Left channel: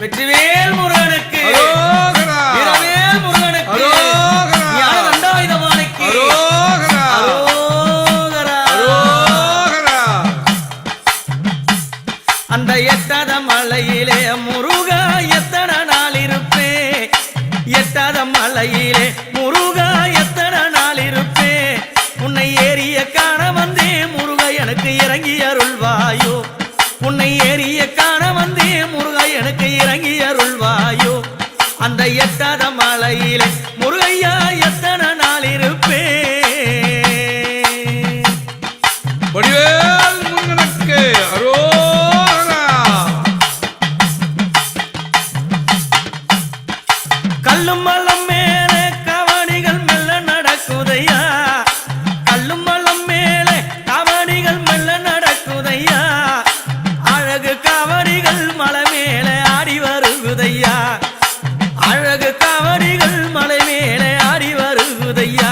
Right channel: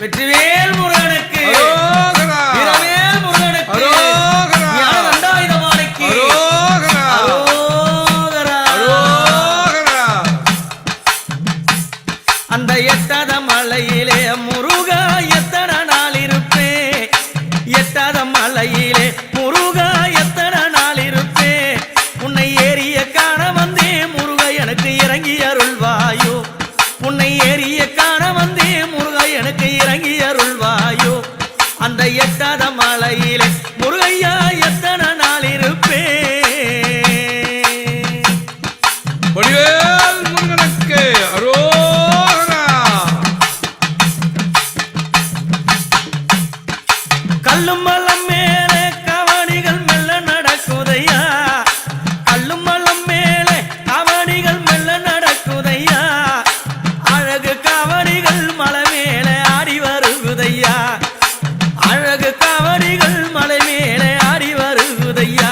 வெற்றிவேல் முருகனுக்கு. வீரவேல் முருகனுக்கு. ஞான அரோகரா. அந்த எட்டாத மலையிலே முருகா எத்தனை நாள் இருப்பேன் எட்டாத மலையிலே முருகா எத்தனை நாள் இருப்பேன் உன்னை ஏறிய காண வந்தே முருகா எனக்கு இறங்கி உன்னை ஏறிய காண வந்தே முருகா எனக்கு இறங்கி அருள்வாயோ அந்த எட்டாத மலையிலே முருகையா எத்தனை நாள் அரோகரா. கல்லும் மலம் மேலே கவனிகள் மெல்ல நடக்குதையா வருகுதையா அழகு காவடிகள் மலை மேலே ஆடி வருகுதையா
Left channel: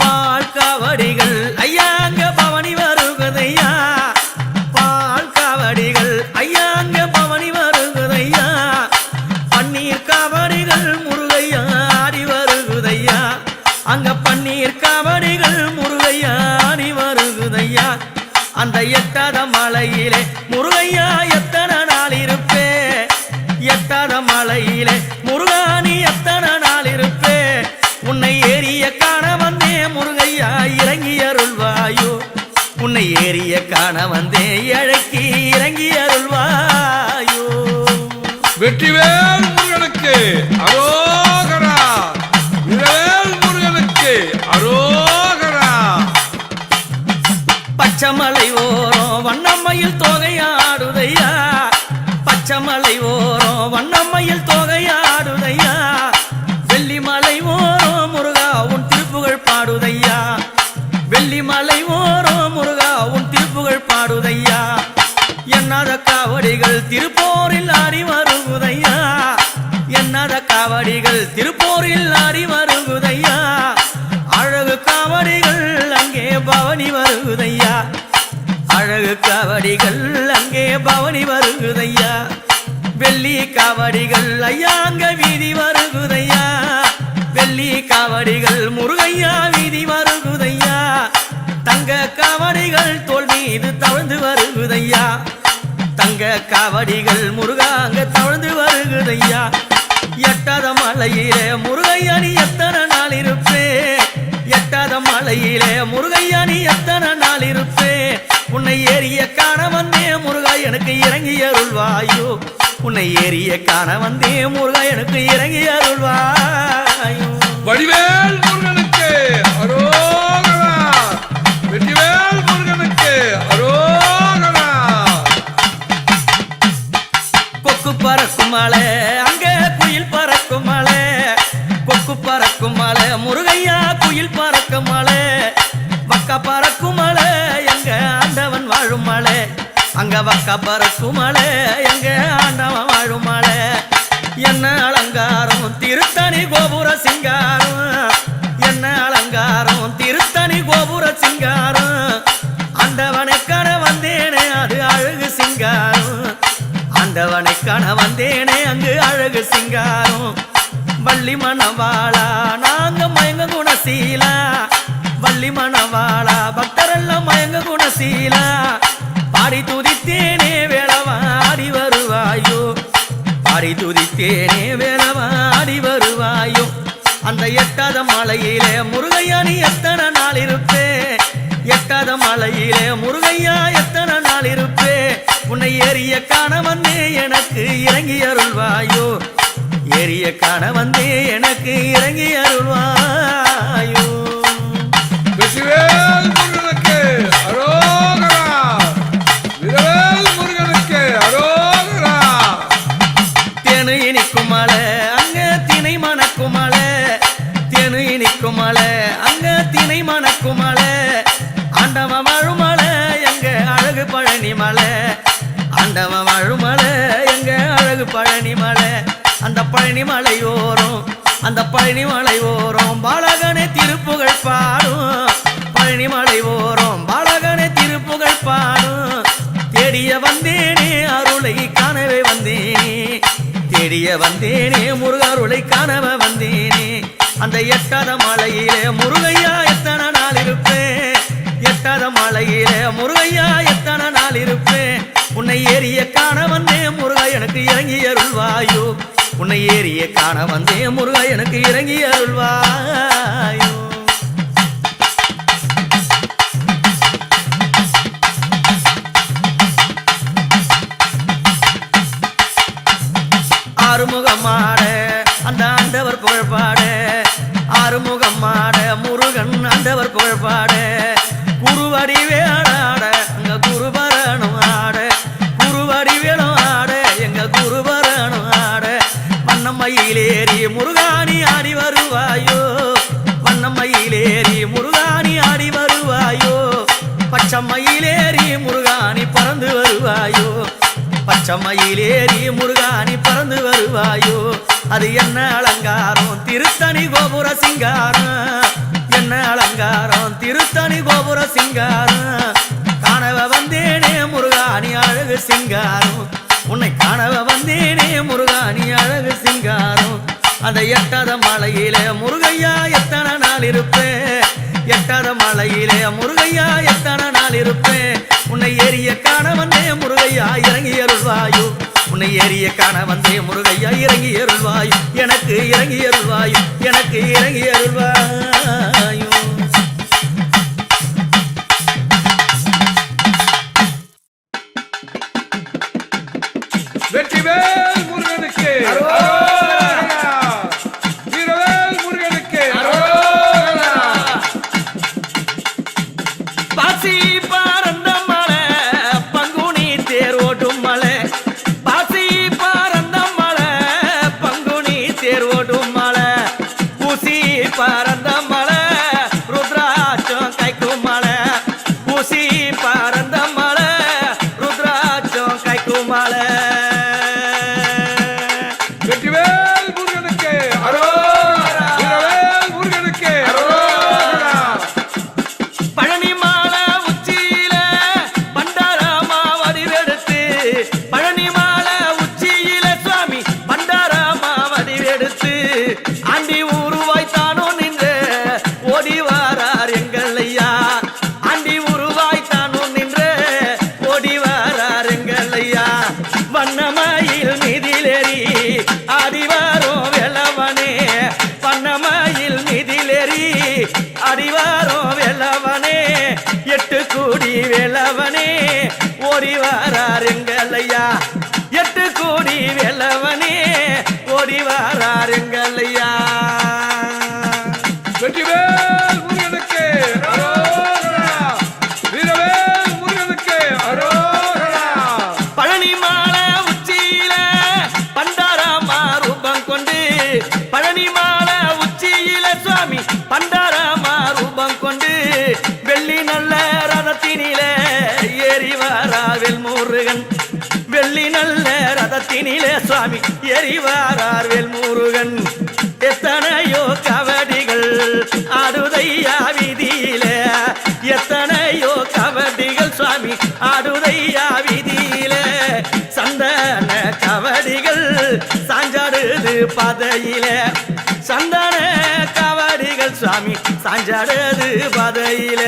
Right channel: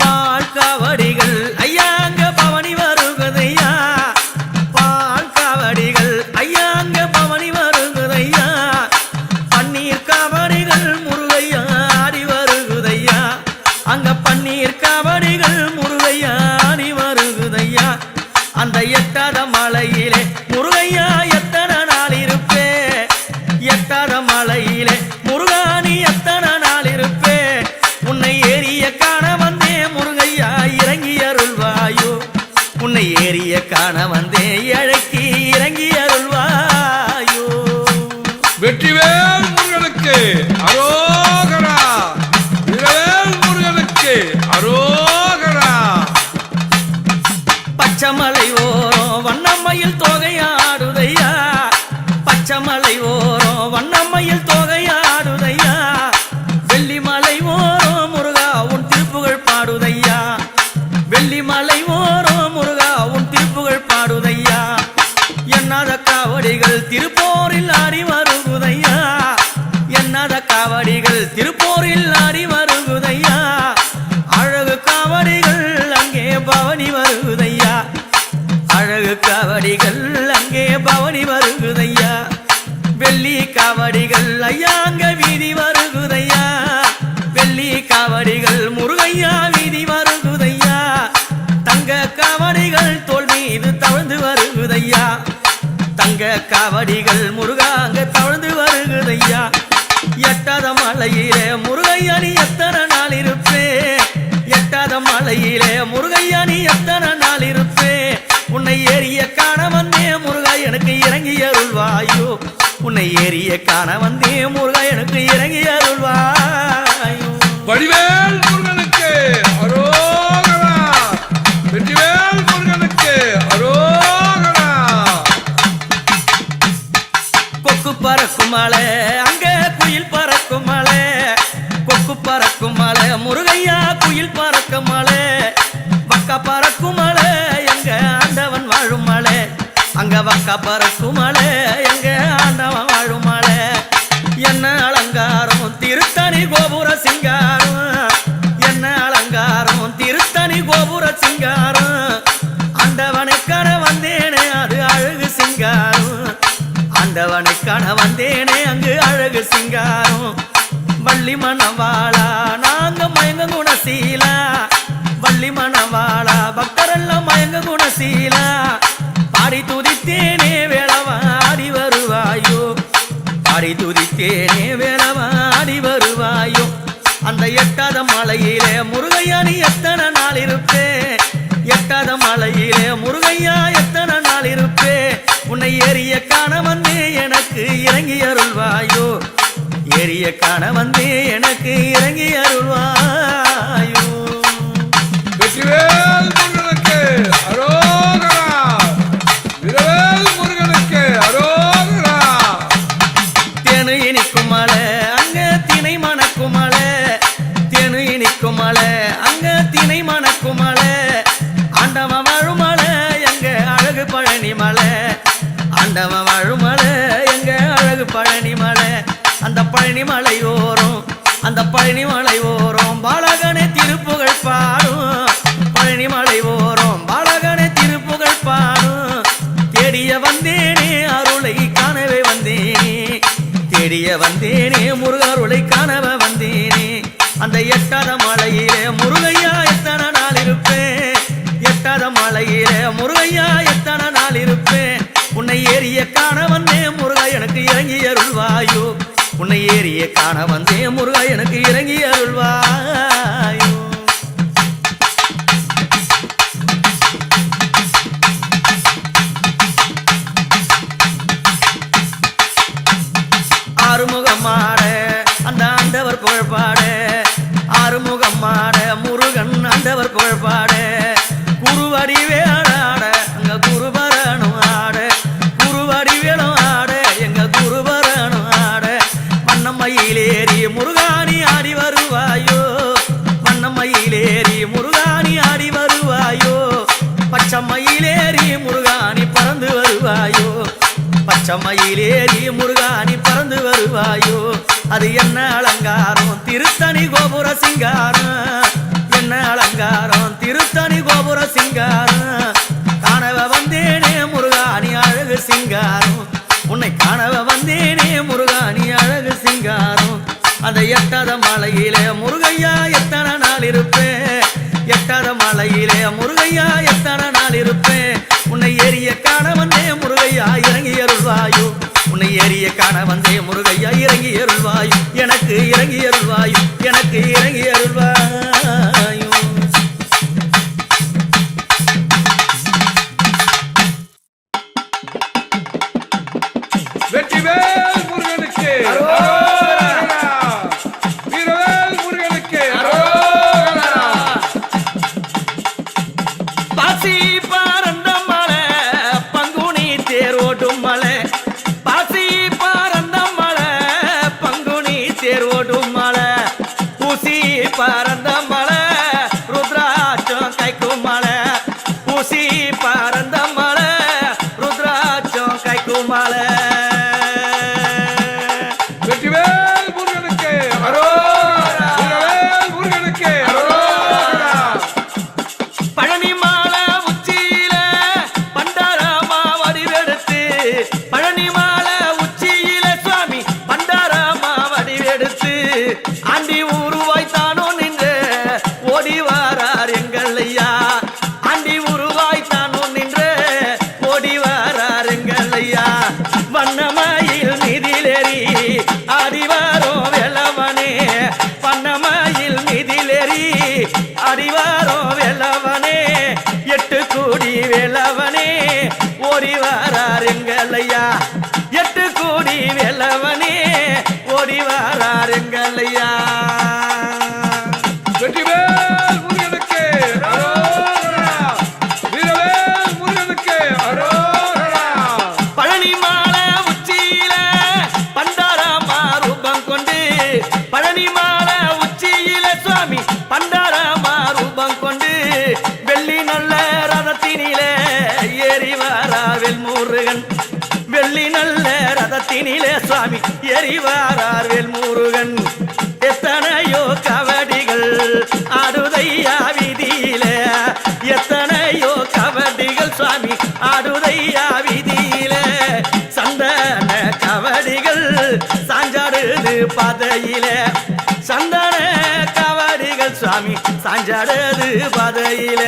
பால் காவடிகள் ஐயாங்க பவனி வருகுதையா பால் காவடிகள் ஐயாங்க பவனி வருகுதையா பன்னீர் காவடிகள் முருகையா ஆடி வருகுதையா அங்க பன்னீர் காவடிகள் முருகையா ஆடி வருகுதையா அந்த எட்டாத மலையிலே முருகையா எட்டாத மலையிலே முருகானி எத்தனை நாள் இருப்பே உன்னை ஏறிய காண வந்தே முருகையா இறங்கி அருள்வாயோ உன்னை ஏறிய காண வந்தே இழக்கி இறங்கி அருள்வாயோ வெற்றிவேல் முருகனுக்கு அரோகரா. முருகனுக்கு அரோகரா. பச்சைமலை ஓரம் வண்ணம்மையில் தொகையாடுதையா பச்சைமலை ஓரம் வண்ணம்மையில் தொகையாடுதையா? வெள்ளிமலை ஓரம் முருகா உன் திருப்புகழ் பாடுதையா? வெள்ளிமலை ஓரம் முருகா உன் திருப்புகழ் பாடுதையா? என்னாத காவடிகள் திருப்போரில் ஆடி வருகுதையா? என்னாத காவடிகள் திருப்போரில் ஆடி வருகுதையா? அழகு காவடிகள் அழகு காவடிகள் அங்கே பவனி வருகுதையா? வெள்ளி காவடிகள் ஐயா அங்க வீதி வருகுதையா? வெள்ளி காவடிகள் முருகையா வீதி வருகுதையா? தங்க காவடிகள் தோல் மீது தவழ்ந்து வருகுதையா? தங்க காவடிகள் முருகா அங்க தவழ்ந்து வருகுதையா? எட்டாத மலையிலே முருகையா நீ எத்தனை நாள் இருப்பேன் எட்டாத மலையிலே முருகையா நீ எத்தனை நாள் இருப்பே உன்னை ஏறிய காண வந்தே முருகா எனக்கு இறங்கி அருள்வாயோ உன்னை ஏறிய காண வந்தே முருகா எனக்கு இறங்கி அருள்வாயோ வடிவேல் முருகனுக்கு அரோகரா. வெற்றிவேல் முருகனுக்கு அரோகரா. கொக்கு பறக்கும் மலை அங்க குயில் பறக்கும் மலை கொக்கு பறக்கும் மலை முருகையா குயில் பறக்கும் மலை வக்கா பறக்கும் மலை எங்க ஆண்டவன் வாழும் மலை. அங்க வக்கா பறக்கும் மலை எங்க ஆண்டவன் வாழும் மலை. என்ன அலங்காரம் திருத்தணி கோபுர சிங்காரம். என்ன அலங்காரம் திருத்தணி கோபுர சிங்காரம். ஆண்டவனை காண வந்தேனே அது அழகு சிங்காரம். ஆண்டவனை காண வந்தேனே அங்கு அழகு சிங்காரம். வள்ளி மணவாளா நாங்க மயங்க குணசீலா. வள்ளி மணவாளா பக்தரெல்லாம் மயங்க குணசீலா. பாடி துதித்தேனே வேளவாடி வருவாயோ. பாடி துதித்தேனே வேளவாடி வருவாயோ. அந்த எட்டாத மலையிலே முருகையா நீ எத்தனை நாள் இருப்பே? எட்டாத மலையிலே முருகையா எத்தனை நாள் இருப்பே? உன்னை ஏறிய காண வந்தே எனக்கு இறங்கி அருள்வாயோ. ஏறிய காண வந்தே எனக்கு இறங்கி அருள்வாயோ. தேனு இனிக்கும் மலை அங்க திணை மணக்கும் மலை தேனு இனிக்கும் மலை அங்க திணை மணக்கும் மலை ஆண்டவன் வாழும் மலை எங்க அழகு பழனி மலை. ஆண்டவன் வாழும் மலை எங்க அழகு பழனி மலை. அந்த பழனி மலை அந்த பழனி மலை பாலகனை திருப்புகழ் பாடும். பழனி மலை பாலகனை திருப்புகழ் பாடும். தேடிய வந்தேனே அருளை காணவே வந்தேனே. தேடிய வந்தேனே முருகருளை காணவ வந்தேனே. அந்த எட்டாத மலையிலே முருகையா எத்தனை நாள் இருப்பேன்? எட்டாத மலையிலே முருகையா எத்தனை நாள் இருப்பேன்? உன்னை ஏறிய காண வந்தேன் முருகா எனக்கு இறங்கி அருள்வாயோ. உன்னை ஏறிய காண வந்தேன். முருகா எனக்கு இறங்கி அருள்வாயோ. ஆறுமுகமாட அந்த ஆண்டவர் புகழ்பாட. ஆறுமுகமாட முருகன் ஆண்டவர் புகழ்பாட. குருவடி வேளாட அங்க குருபரணும் ஆட. வண்ணமயிலேறி முருகாணி ஆடி வருவாயோ? வண்ணமயிலேறி முருகாணி ஆடி வருவாயோ? பச்சமயிலேறி முருகாணி பறந்து வருவாயோ? பச்சமயிலேறி முருகாணி பறந்து வருவாயோ? அது என்ன அலங்காரம்? திருத்தணி கோபுர சிங்காரம். என்ன அலங்காரம்? திருத்தணி கோபுர சிங்காரம். காணவ வந்தேனே முருகாணி அழகு சிங்காரம். உன்னை காணவ வந்தேனே முருகாணி அழகு சிங்காரம். அந்த எட்டாத மலையிலே முருகையா எத்தனை நாள் இருப்பேன் எட்டாத மலையிலே முருகையா எத்தனை நாள் இருப்பேன் உன்னை ஏறிய காண வந்தே முருகையா இறங்கி அருள்வாயோ. உன்னை ஏறிய காண வந்தே முருகையா இறங்கி அருள்வாயு. எனக்கு இறங்கி அருள்வாயு எனக்கு இறங்கி அருள்வாயோ. பறந்த மலை ருத்ராட்சம் கைக்கும் மலை. ஊசி பறந்த மலை ருத்ராட்சம் கைக்கும் மலை. பழனி மாலை உச்சியில பண்டாரமா வடிவெடுத்து. பழனி மாலை உச்சியில சுவாமி பண்டாரமா வடிவெடுத்து. ஆண்டி உருவாய் அறிவாரோ வெளவனே பண்ணமாயில் மிதிலெறி அறிவாரோ வெளவனே எட்டு கூடி வெளவனே ஓடி வாரார் எங்கள் எட்டு கூடி வெளவனே ஓடி வாரார் எங்கள் பழனி மாலை உச்சியில சுவாமி பண்டாரமா ரூபம் கொண்டு வெள்ளி நல்ல ரதத்தினில ஏறி வாராவில் முருகன் வெள்ளி நல்ல ரதத்தினிலே சுவாமி எரிவாரார் வேல் முருகன் எத்தனையோ கவடிகள் ஆடுதையா வீதியில எத்தனையோ கவடிகள் சுவாமி ஆடுதையா வீதியில சந்தன கவடிகள் சாஞ்சாடுது பதையில. சந்தன கவடிகள் சுவாமி சாஞ்சாடுது பதையில.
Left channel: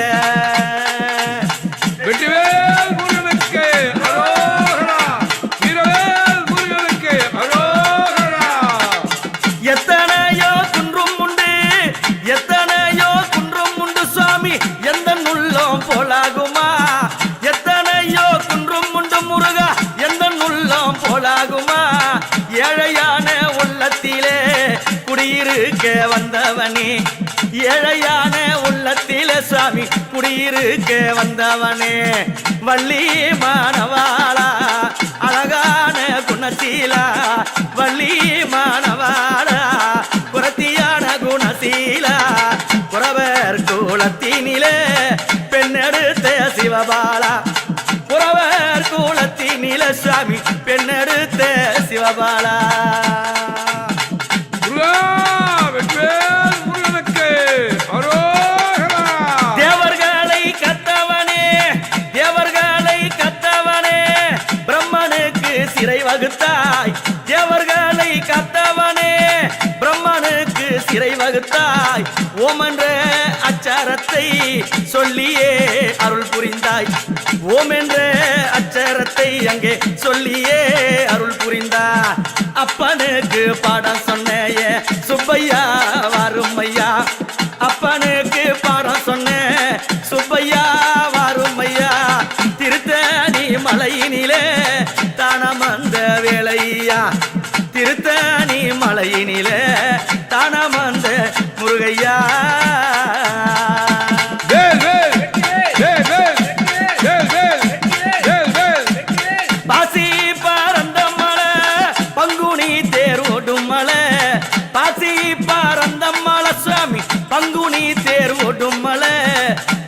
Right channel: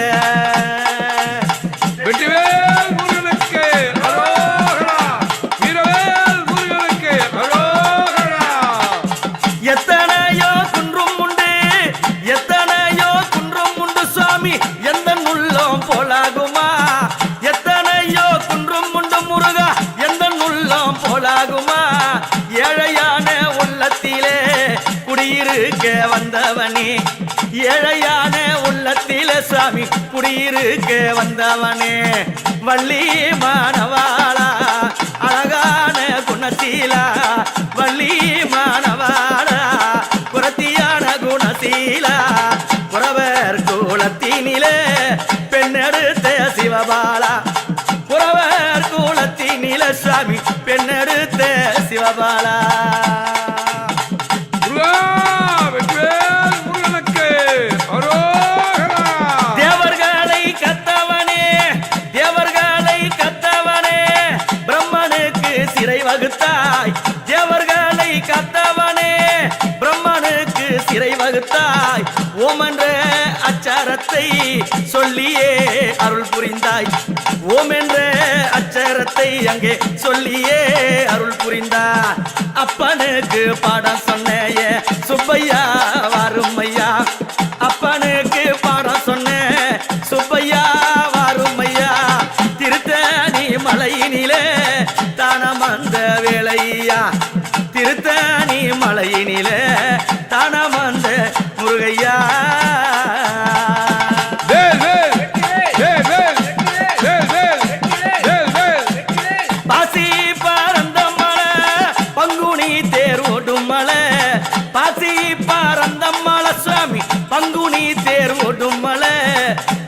எந்த உள்ளம் போலாகுமா? எத்தனையோ குன்றும் உண்டு முருகா. எந்த உள்ளம் போலாகுமா? ஏழையான உள்ளத்திலே குடியிருக்க வந்தவனே. ஏழையான உள்ளத்திலே சாமி குடியிருக்க வந்தவனே. வள்ளி மாணவாளா அழகான குணசீலா. வள்ளி மாணவாளா குரத்தியான குணசீலா. புறவர் குலத்தினிலே பெண்ணெடுத்த சிவபாலா. புறவர் குலத்தினில நீலசாமி பெண்ணெடுத்த சிவபாலா. சிறை வகுத்தாய் தேவர்களை கத்தவனே பிரம்மனுக்கு சிறை வகுத்தாய் ஓமென்ற அச்சாரத்தை சொல்லியே அருள் புரிந்தாய். ஓமென்ற அச்சாரத்தை அச்சரத்தை அங்கே சொல்லியே அருள் புரிந்தாய். அப்பனுக்கு பாடம் சொன்னேயே சுப்பையா வாருமையா அப்பனுக்கு பாடம் சொன்ன சுப்பையா வாருமையா திருத்தணி மலையினிலே தானம் அந்த வேலையா திருத்தணி மலையினிலே தானம் அந்த முருகையா. சாமி சுவாமி பங்குனி தேர் ஓடும் மலை.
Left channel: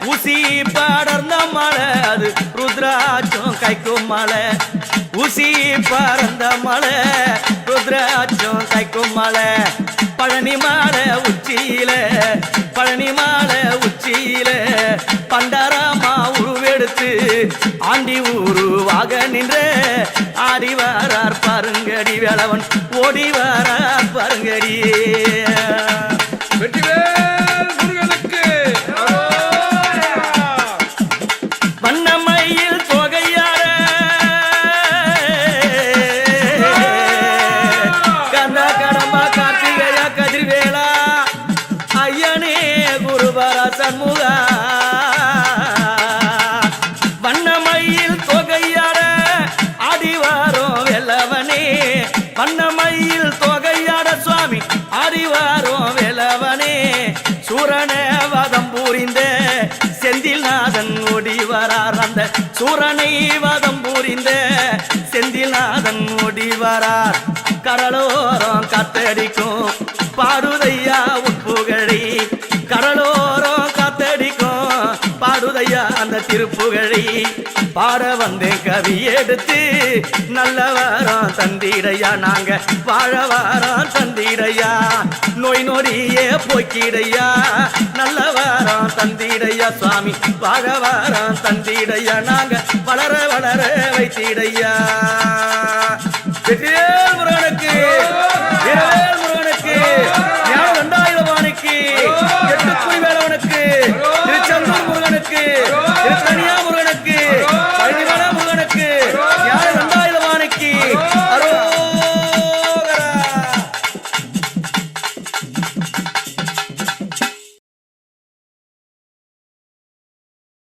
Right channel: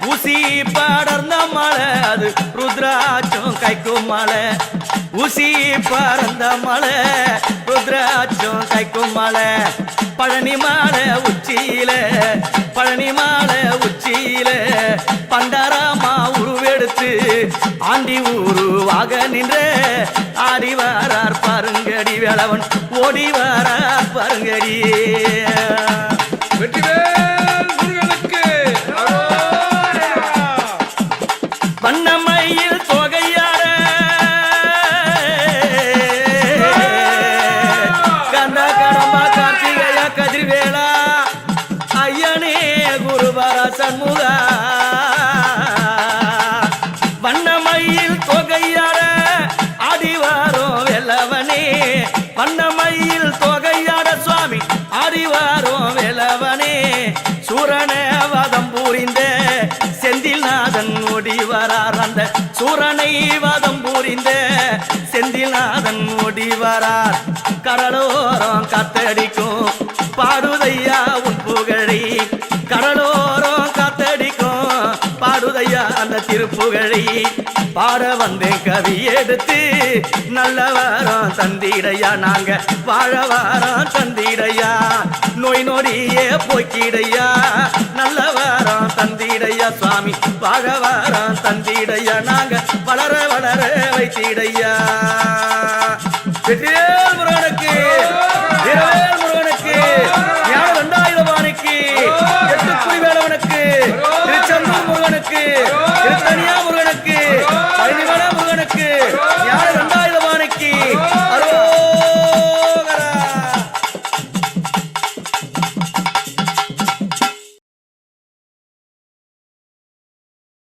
ஊசி படர்ந்த மலை அது ருத்ராட்சம் கைக்கும் மலை. ஊசி பறந்த மலை ருத்ராட்சம் கைக்கும் மலை. பழனி மாலை உச்சியில பழனி மாலை உச்சியில. பண்டாரமா உருவெடுத்து ஆண்டி உருவாக நின்ற. ஆடி வாரார் பாருங்கடி வேளவன் ஓடி வாரார் பாருங்கடி கதிர்வேலா ஐயனே குருபர சண்முகா வண்ணமையில் தொகையார ஆடிவாரோம் வெல்லவனே. வண்ணமையில் தொகையாட சுவாமி ஆடிவாரோம் வெல்லவனே. சூரன வதம் புரிந்த செந்தில்நாதன் ஓடி வரார் அந்த சூரனை வதம் புரிந்த செந்தில்நாதன் ஓடி வரார். கடலோரம் கத்தடிக்கும் பாடுதையா உன் புகழை கடலோரம் காத்தடிக்கும். பாடுதையா அந்த திருப்புகழை பாட வந்தேன் கவி எடுத்து. நல்ல வாரம் தந்திடையா நாங்க வாழ வாரம் தந்திடையா. நோய் நொடியே போக்கிடையா நல்ல வாரம் தந்திடையா. சுவாமி வாழ வாரம் தந்திடையா நாங்க வளர வளர வைத்திடையா. வெற்றிவேல் முருகனுக்கு வீரவேல் முருகனுக்கு தண்டாயுதபாணிக்கு எட்டுக்குடி வேலவனுக்கு திருச்செந்தூர் முருகனுக்கு திருத்தனியா முருகனுக்கு பழனிமல முருகனுக்கு ஞான தண்டாயுதபாணிக்கு அரோ